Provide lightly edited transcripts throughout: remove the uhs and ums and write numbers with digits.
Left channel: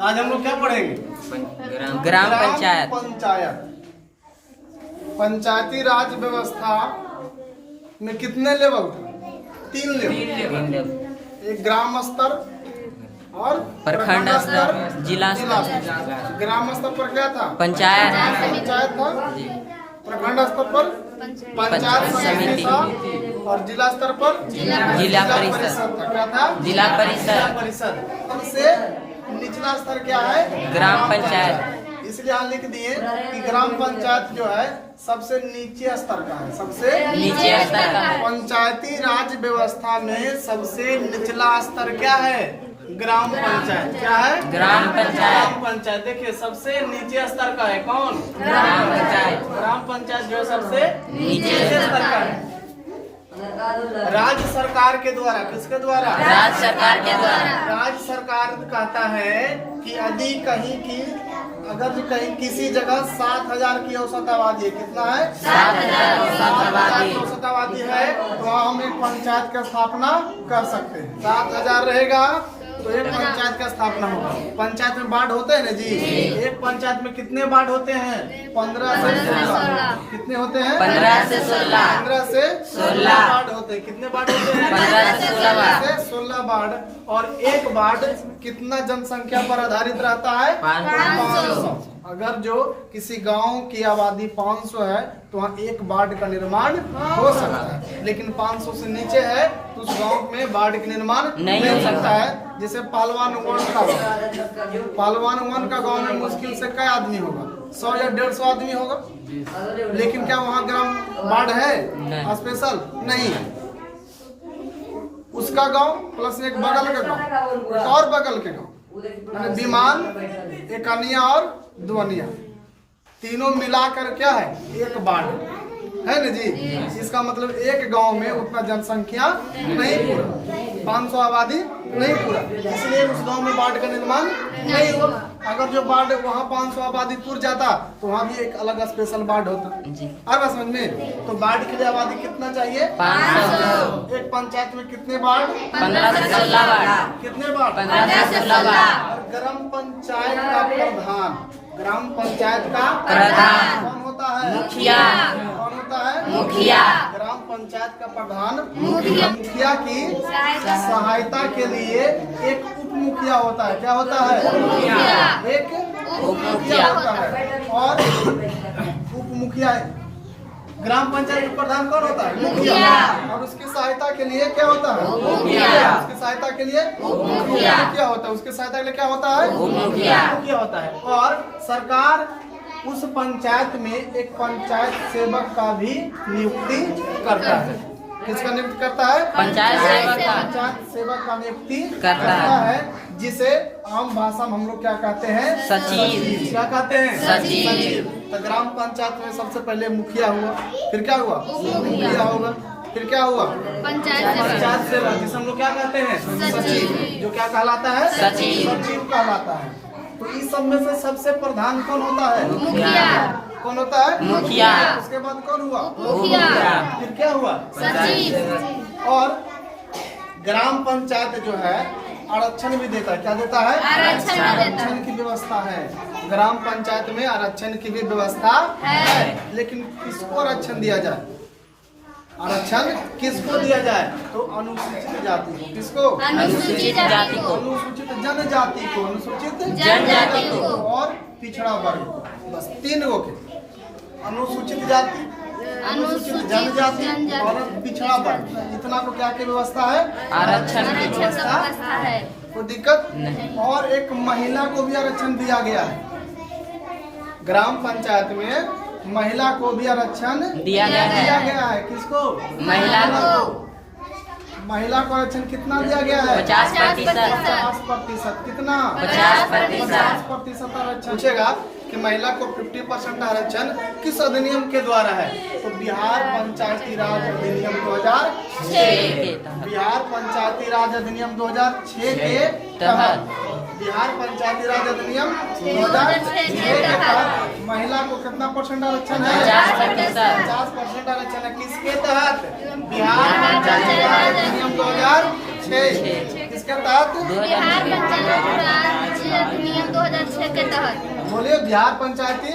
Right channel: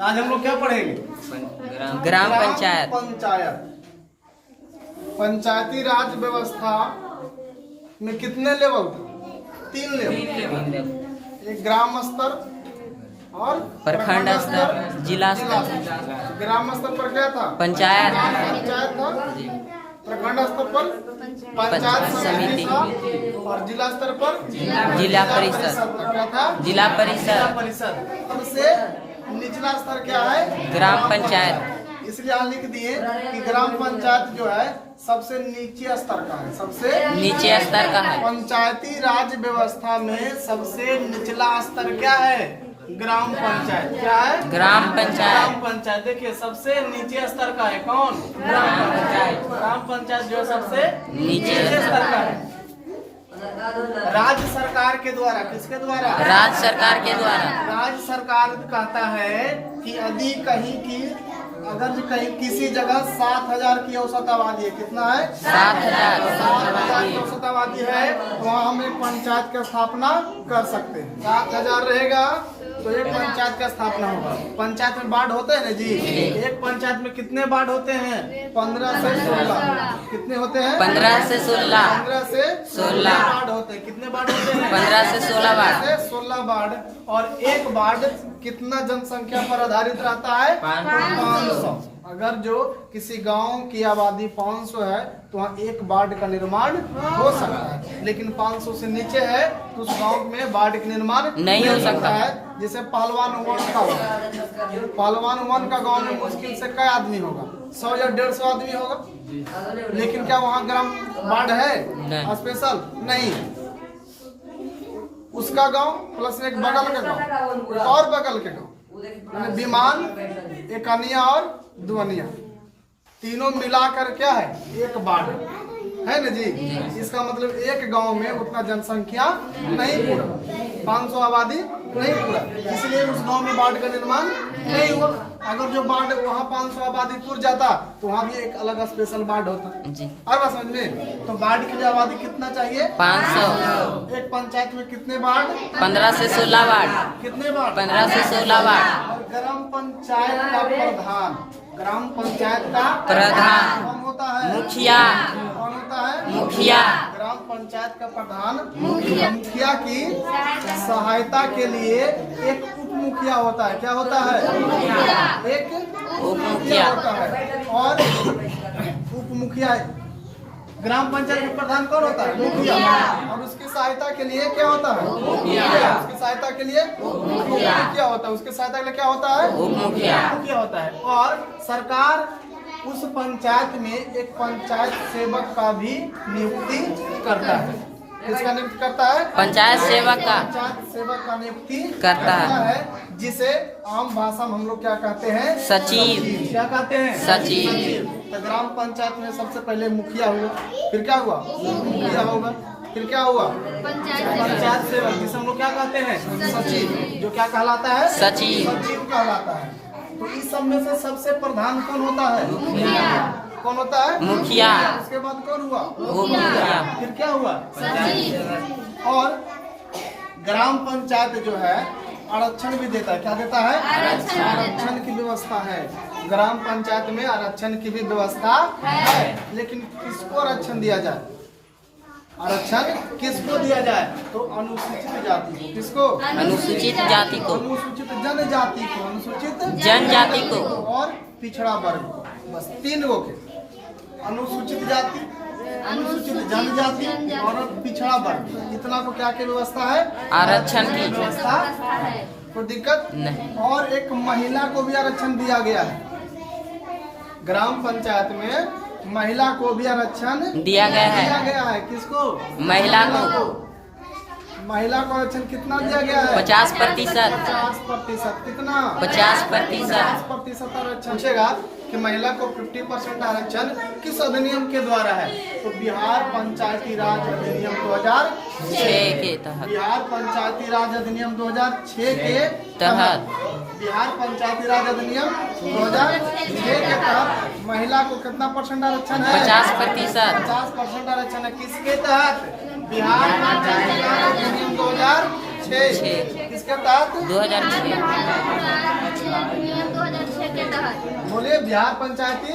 आज हम लोग क्या पढ़ेंगे? ग्राम पंचायत। पंचायती राज व्यवस्था में कितने लेवल थे? 3 लेवल। एक ग्राम स्तर और प्रखंड स्तर, जिला स्तर। ग्राम स्तर पर क्या था? पंचायत था। प्रखंड स्तर पर पंचायत समिति था। और जिला स्तर पर जिला परिषद। क्या था? जिला परिषद। सबसे निचला स्तर क्या है? ग्राम पंचायत। इसलिए यहाँ लिख दिए कि ग्राम पंचायत जो है सबसे नीचे स्तर का है। सबसे नीचे स्तर का है। पंचायती राज व्यवस्था में सबसे निचला स्तर क्या है? ग्राम पंचायत। क्या है? ग्राम पंचायत। ग्राम पंचायत देखिए सबसे नीचे स्तर का है। कौन? ग्राम पंचायत। ग्राम पंचायत जो है सबसे नीचे स्तर का है। राज्य सरकार के द्वारा, किसके द्वारा? राज्य सरकार के द्वारा। राज्य सरकार कहता है कि यदि कहीं की अगर कहीं किसी जगह 7,000 की औसत आबादी है, कितना है? 7,000 की औसत आबादी है, तो वहाँ हम एक पंचायत की स्थापना कर सकते हैं। 7,000 रहेगा तो एक पंचायत का स्थापना होगा। पंचायत में वार्ड होते हैं ना जी? एक पंचायत में कितने वार्ड होते हैं? 15 से 16। कितने होते हैं? 15 से 16। 15 से 16 वार्ड होते हैं। कितने वार्ड होते हैं? 15 से 16 वार्ड। 16 वार्ड। और एक वार्ड कितना जनसंख्या पर आधारित रहता है? 500। अगर जो किसी गांव की आबादी 500 है तो वहाँ एक वार्ड का निर्माण हो सकता है, लेकिन 500 से नीचे है तो उस गांव में वार्ड का निर्माण नहीं हो सकता है। जैसे पहलवान वन का गाँव, पहलवान वन का गाँव में मुश्किल से कई आदमी होगा? 100 या 150 आदमी होगा। लेकिन क्या वहाँ ग्राम वार्ड है स्पेशल? नहीं। उसका गांव प्लस एक बगल का गांव, एक और बगल के गांव, यानी विमान, एक अनिया और दुअनिया, तीनों मिलाकर क्या है? एक वार्ड है ना जी? इसका मतलब एक गांव में उतना जनसंख्या नहीं पूरा, 500 आबादी नहीं पूरा, इसलिए उस गांव में वार्ड का निर्माण नहीं हुआ। अगर जो वार्ड वहाँ 500 आबादी पूर जाता तो वहाँ भी एक अलग स्पेशल वार्ड होता। अब समझ में? तो वार्ड के लिए आबादी कितना चाहिए? 500। एक पंचायत में कितने वार्ड? 15 से 16 वार्ड। कितने वार्ड? 15 से 16 वार्ड। और ग्राम पंचायत का प्रधान, ग्राम पंचायत का प्रधान कौन होता है? मुखिया। कौन होता है? मुखिया। ग्राम पंचायत का प्रधान मुखिया की सहायता के लिए एक उप मुखिया होता है। क्या होता है? एक उप मुखिया होता है। और उप मुखिया, ग्राम पंचायत का प्रधान कौन होता है? मुखिया। और उसकी सहायता के लिए क्या होता है? मुखिया। उसकी सहायता के लिए मुखिया होता है। उसकी सहायता के लिए क्या होता है? मुखिया होता है। और सरकार उस पंचायत में एक पंचायत सेवक का भी नियुक्ति करता है। किसका नियुक्ति करता है? पंचायत सेवक का। पंचायत सेवक का नियुक्ति करता है, जिसे आम भाषा में हम लोग क्या कहते हैं? सचिव। क्या कहते हैं? सचिव। तो ग्राम पंचायत में सबसे पहले मुखिया हुआ, फिर क्या हुआ? मुखिया होगा, फिर क्या हुआ? पंचायत सेवक, जिसे हम लोग क्या कहते हैं? सचिव। जो क्या कहलाता है? सचिव कहलाता है। तो इस सब में से सबसे प्रधान कौन होता है? मुखिया। कौन होता है? मुखिया। उसके बाद कौन हुआ? मुखिया। फिर क्या हुआ? सचिव। और ग्राम पंचायत जो है आरक्षण भी देता है। क्या देता है? आरक्षण की व्यवस्था है। ग्राम पंचायत में आरक्षण की भी व्यवस्था है। लेकिन किसको आरक्षण दिया जाए? आरक्षण किसको दिया जाए? तो अनुसूचित जाति को। किसको? अनुसूचित जाति को। अनुसूचित जनजाति को। अनुसूचित जनजाति को। और पिछड़ा वर्ग को। बस 3 गो के, अनुसूचित जाति, अनुसूचित जनजाति और पिछड़ा वर्ग, इतना को क्या की व्यवस्था है? आरक्षण की व्यवस्था है। कोई दिक्कत नहीं। और एक महिला को भी आरक्षण दिया गया है। ग्राम पंचायत में महिला को भी आरक्षण दिया गया है। किसको? महिला को। महिला को आरक्षण कितना दिया गया है? 50%। 50%। कितना? 50%। 50% आरक्षण। पूछेगा कि महिला को 50% आरक्षण किस अधिनियम के द्वारा है? तो बिहार पंचायती राज अधिनियम 2006 के तहत। बिहार पंचायती राज अधिनियम 2006 के तहत। बिहार पंचायती राज अधिनियम 2006 के तहत महिला को कितना परसेंट आरक्षण है? 50%। 50% आरक्षण है। किसके तहत? बिहार पंचायती राज अधिनियम 2006। किसके तहत? 2006। के तहत बोलिए बिहार पंचायती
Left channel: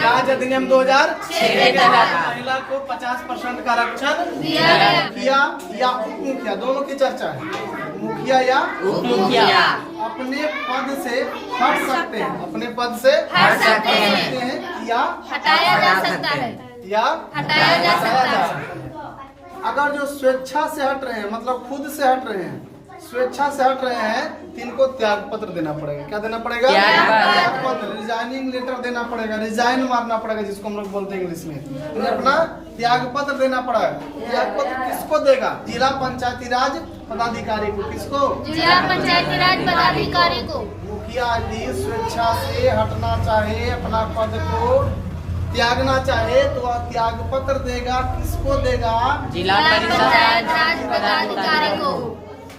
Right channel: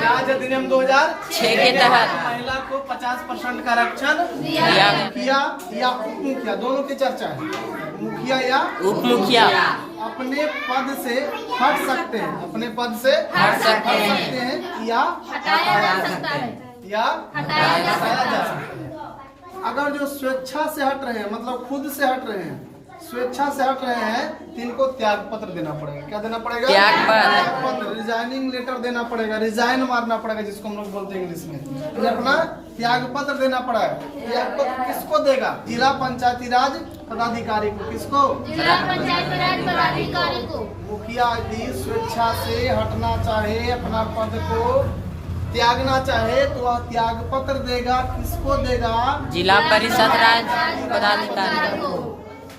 राज अधिनियम 2006 के तहत महिला को 50% का आरक्षण दिया। मुखिया या उप मुखिया दोनों की चर्चा है। मुखिया या उप मुखिया अपने पद से हट सकते हैं, अपने पद से हट सकते हैं। या हटाया जा सकता है या हटाया जा सकता हटाया जा है। सकता है। अगर जो स्वेच्छा से हट रहे हैं, मतलब खुद से हट रहे हैं, स्वेच्छा से हट रहे हैं, तो इनको त्याग पत्र देना पड़ेगा। क्या देना पड़ेगा? त्याग पत्र, रिजाइनिंग लेटर देना पड़ेगा, रिजाइन मारना पड़ेगा, जिसको हम लोग बोलते हैं इंग्लिश में। तो अपना त्याग पत्र देना पड़ेगा। त्याग पत्र किसको देगा? जिला पंचायती राज पदाधिकारी को। किसको? जिला पंचायत राज पदाधिकारी को। मुखिया यदि स्वेच्छा से हटना चाहे, अपना पद को त्यागना चाहे, तो वह त्याग पत्र देगा। किसको देगा? जिला परिषद राज पदाधिकारी को।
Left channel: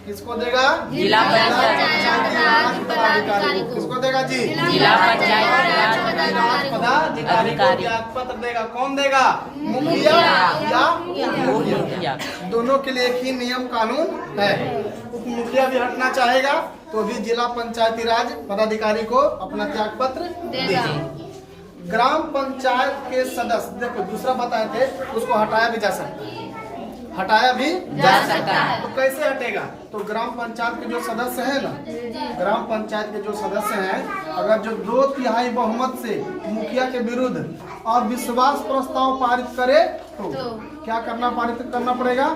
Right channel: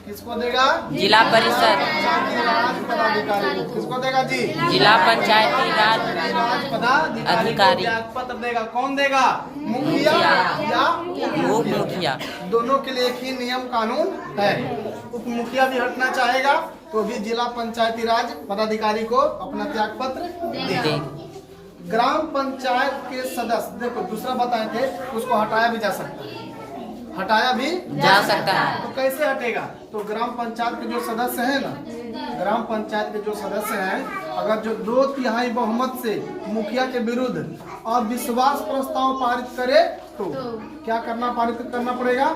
किसको देगा? जिला परिषद राज पदाधिकारी को। किसको देगा जी? जिला पंचायत राज पदाधिकारी को त्याग पत्र देगा। कौन देगा? मुखिया या उप मुखिया दोनों के लिए एक ही नियम कानून है। उप मुखिया भी हटना चाहेगा तो भी जिला पंचायती राज पदाधिकारी को अपना त्याग पत्र देगा। ग्राम पंचायत के सदस्य, देखो दूसरा बताए थे, उसको हटाया भी जा सकता है, हटाया भी जा सकता है। तो कैसे हटेगा? तो ग्राम पंचायत के जो सदस्य हैं ना, ग्राम पंचायत के जो सदस्य हैं, अगर जो 2/3 बहुमत से मुखिया के विरुद्ध अविश्वास प्रस्ताव पारित करे तो क्या करना पारित करना पड़ेगा?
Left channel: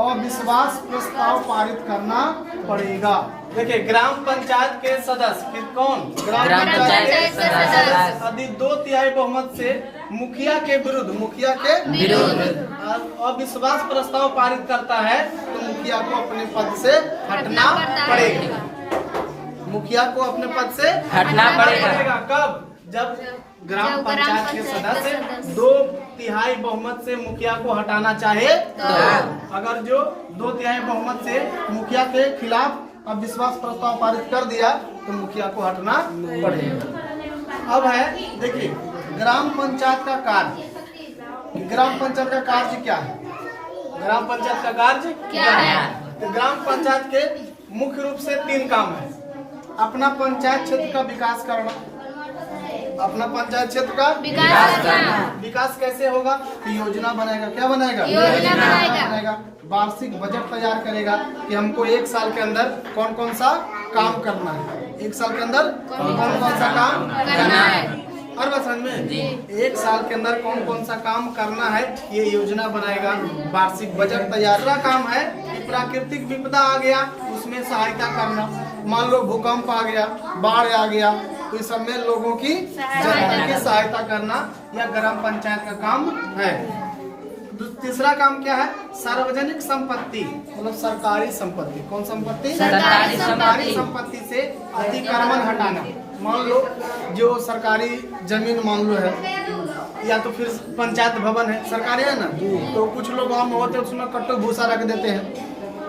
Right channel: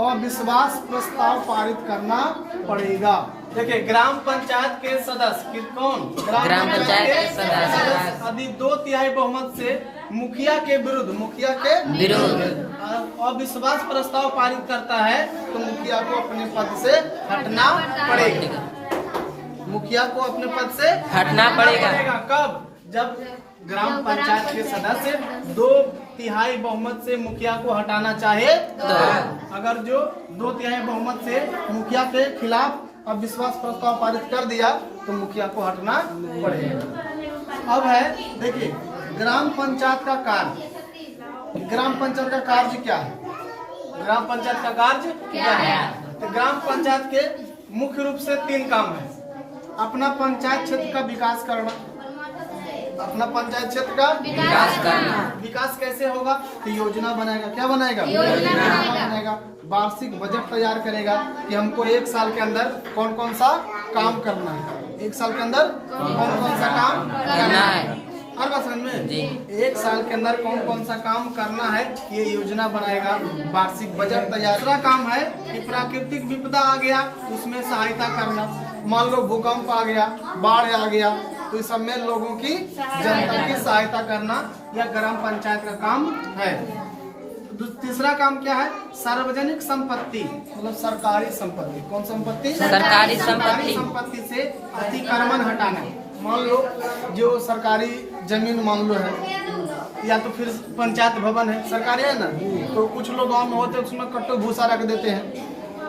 अविश्वास प्रस्ताव पारित करना पड़ेगा। देखिए ग्राम पंचायत के सदस्य कौन? ग्राम पंचायत के सदस्य यदि 2/3 बहुमत से मुखिया के विरुद्ध अविश्वास प्रस्ताव पारित करता है तो मुखिया को अपने पद से हटना पड़ेगा। मुखिया को अपने पद से हटना पड़ेगा। कब? जब ग्राम पंचायत के सदस्य 2/3 बहुमत से मुखिया को हटाना चाहे तो। अगर जो 2/3 बहुमत से मुखिया के खिलाफ अविश्वास प्रस्ताव पारित कर दिया तो मुखिया को हटना पड़ेगा। अब है देखिए ग्राम पंचायत का कार्य। ग्राम पंचायत का कार्य क्या है? ग्राम पंचायत का कार्य क्या है? तो ग्राम पंचायत के मुख्य रूप से 3 काम है। अपना पंचायत क्षेत्र का विकास करना, अपना पंचायत क्षेत्र का विकास करना। विकास कैसे होगा? तो योजना बनाएगा। क्या बनाएगा? योजना बनाएगा। वार्षिक बजट तैयार करेगा कि हमको 1 साल के अंदर कौन कौन सा काम करना है, 1 साल के अंदर कौन कौन सा काम करना है। हर बात समझ में? 1 साल के अंदर कौन कौन सा काम करना है, ये योजना बनाएगा। वार्षिक बजट तैयार। दूसरा काम है कि प्राकृतिक विपदा आ गया, उसमें सहायता करना। मान लो भूकंप आ गया, बाढ़ आ गया, तो इस सब में लोगों की, जनता की सहायता करना यह ग्राम पंचायत का काम है। तीसरा काम क्या है? सार्वजनिक संपत्ति, मतलब सरकारी संपत्ति। कौन संपत्ति? सरकारी संपत्ति से अतिक्रमण हटाना। मान लो जो सरकारी जमीन मान लो है, या तो फिर पंचायत भवन है, सरकारी है ना, तो कुछ लोग गाँव में होते हैं उसमें कट्टू भूसा रख देते हैं,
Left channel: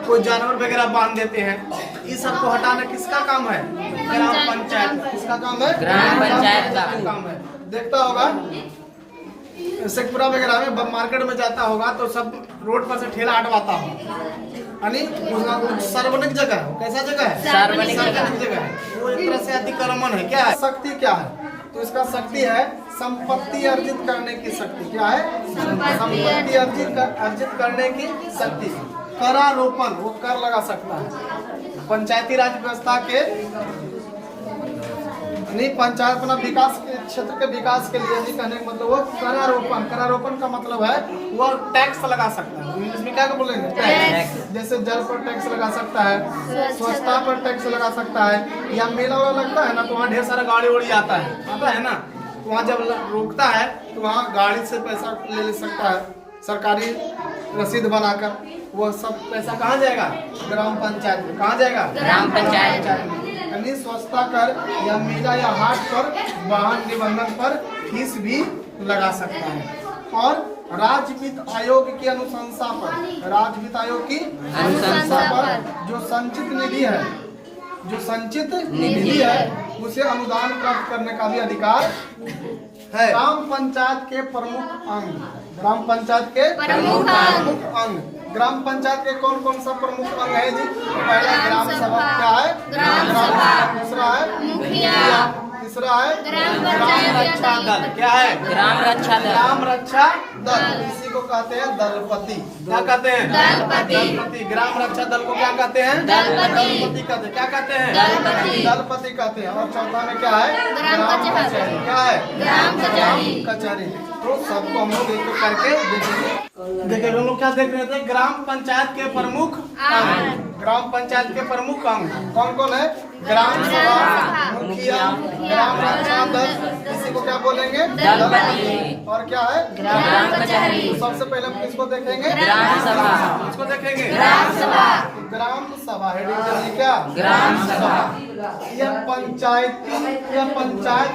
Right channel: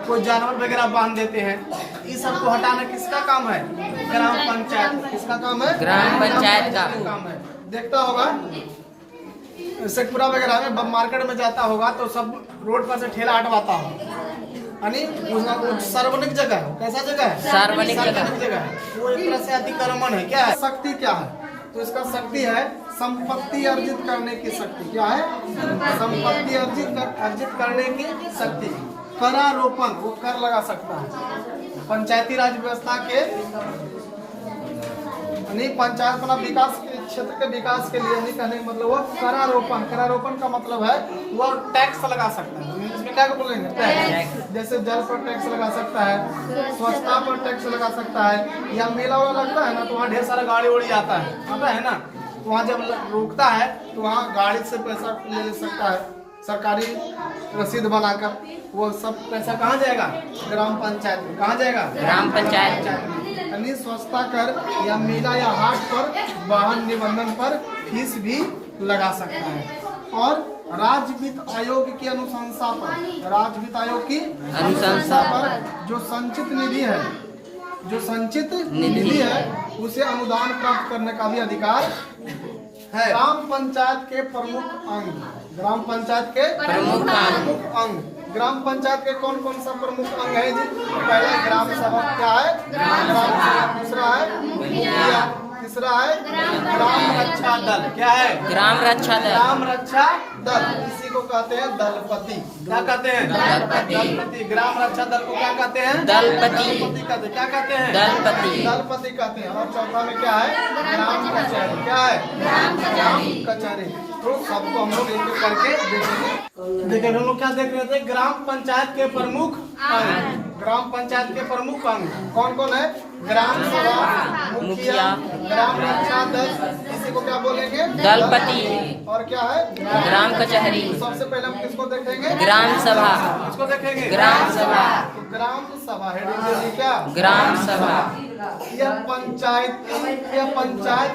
कोई जानवर वगैरह बांध देते हैं। इस सबको हटाना किसका काम है? ग्राम पंचायत। किसका काम है? ग्राम पंचायत का काम है। देखता होगा शेखपुरा वगैरह में मार्केट में जाता होगा तो सब रोड पर से ठेला हटवाता हो, यानी सार्वजनिक जगह है। कैसा जगह है? सार्वजनिक जगह है। वो एक तरह से अतिक्रमण है। क्या है? शक्ति क्या है? तो इसका शक्ति है संपत्ति अर्जित करने की शक्ति। क्या है? संपत्ति अर्जित करने की शक्ति। करारोपण, वो कर लगा सकता है। पंचायती राज व्यवस्था के नहीं, पंचायत अपना विकास के क्षेत्र के विकास के लिए नहीं, कहने का मतलब वो करारोपण। करारोपण का मतलब है वह टैक्स लगा सकता है। इंग्लिश में क्या बोलेंगे? टैक्स। जैसे जल पर टैक्स लगा सकता है, स्वच्छता पर टैक्स लगा सकता है, या मेला वाला लगता है ना तो वहाँ ढेर सारा गाड़ी उड़ी आता है ना, तो वहाँ जब रोकता है तो वहाँ गाड़ी से पैसा ले सकता है, सरकारी रसीद बनाकर। वो सब पैसा कहाँ जाएगा? ग्राम पंचायत में। कहाँ जाएगा? ग्राम पंचायत। यानी स्वच्छता कर या मेला या हाट पर वाहन निबंधन पर फीस भी लगा सकता है। और राज्य वित्त आयोग की अनुशंसा पर, राज्य वित्त आयोग की अनुशंसा पर जो संचित निधि है उसे अनुदान प्राप्त करने का भी अधिकार है। ग्राम पंचायत के प्रमुख अंग, ग्राम पंचायत के प्रमुख अंग। ग्राम पंचायत के कौन कौन सा प्रमुख अंग है जी? पहला ग्राम सभा। क्या है? ग्राम सभा। दूसरा दूसरा है ग्राम रक्षा दल। क्या है? ग्राम रक्षा दल। ग्राम रक्षा दल, इसी को कहते हैं दलपति। क्या कहते हैं? दलपति। ग्राम रक्षा दल को क्या कहते हैं? दलपति कहते हैं। क्या कहते हैं? दलपति कहते हैं। और चौथा में क्या है? ग्राम कचहरी। क्या है? ग्राम कचहरी। तो सबको हम लोग एक एक करके देखेंगे। देखिए हम लोग क्या देख रहे थे? ग्राम पंचायत के प्रमुख अंग। ग्राम पंचायत के प्रमुख अंग कौन कौन है? ग्राम सभा, मुखिया, ग्राम रक्षा दल, इसी को क्या बोलेंगे? दलपति। और क्या है? ग्राम कचहरी। सबसे पहले हम किसको देखेंगे? ग्राम सभा। किसको देखेंगे? ग्राम सभा। तो ग्राम सभा हेडिंग है क्या? ग्राम सभा। यह पंचायत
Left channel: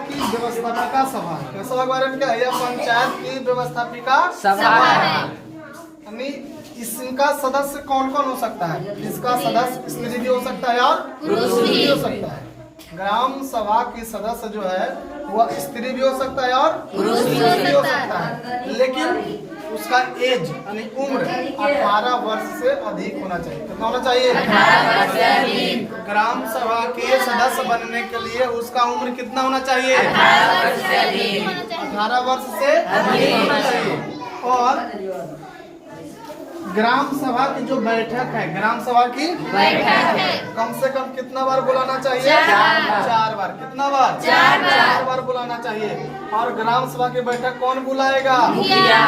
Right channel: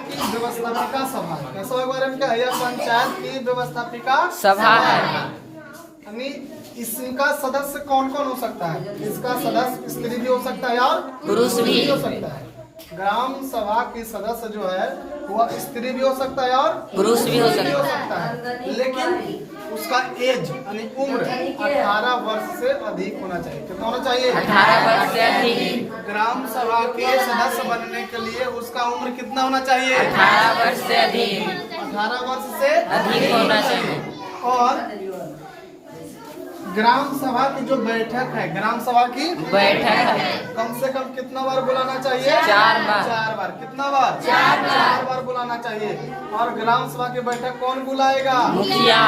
की व्यवस्थापिका सभा है। कैसा के बारे में क्या है? यह पंचायत की व्यवस्थापिका सभा है। यानी इसका सदस्य कौन कौन हो सकता है? इसका सदस्य स्त्री भी हो सकता है और पुरुष भी हो सकता है। ग्राम सभा की सदस्य जो है वह स्त्री भी हो सकता है और पुरुष भी हो सकता है, लेकिन उसका एज यानी उम्र 18 वर्ष से अधिक होना चाहिए। कितना होना चाहिए? 18 वर्ष से अधिक। ग्राम सभा के सदस्य बनने के लिए उसका उम्र कितना होना चाहिए? 18 वर्ष से अधिक। 18 वर्ष से अधिक होना चाहिए। और ग्राम सभा की जो बैठक है, ग्राम सभा की बैठक कम से कम कितना बार बुलाना चाहिए? 4 बार। 4 बार। कितना बार? 4 बार बुलाना चाहिए। और ग्राम सभा की बैठक कौन बुलाएगा? मुखिया।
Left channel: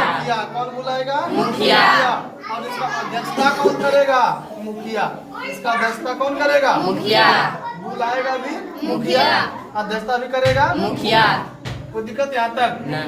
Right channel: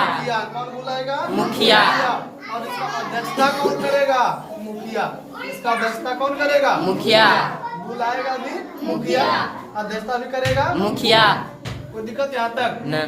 कौन बुलाएगा? मुखिया। और इसका अध्यक्षता कौन करेगा? मुखिया। इसका अध्यक्षता कौन करेगा? मुखिया। बुलाएगा भी मुखिया, अध्यक्षता भी करेगा मुखिया। कोई दिक्कत यहाँ तक? नहीं।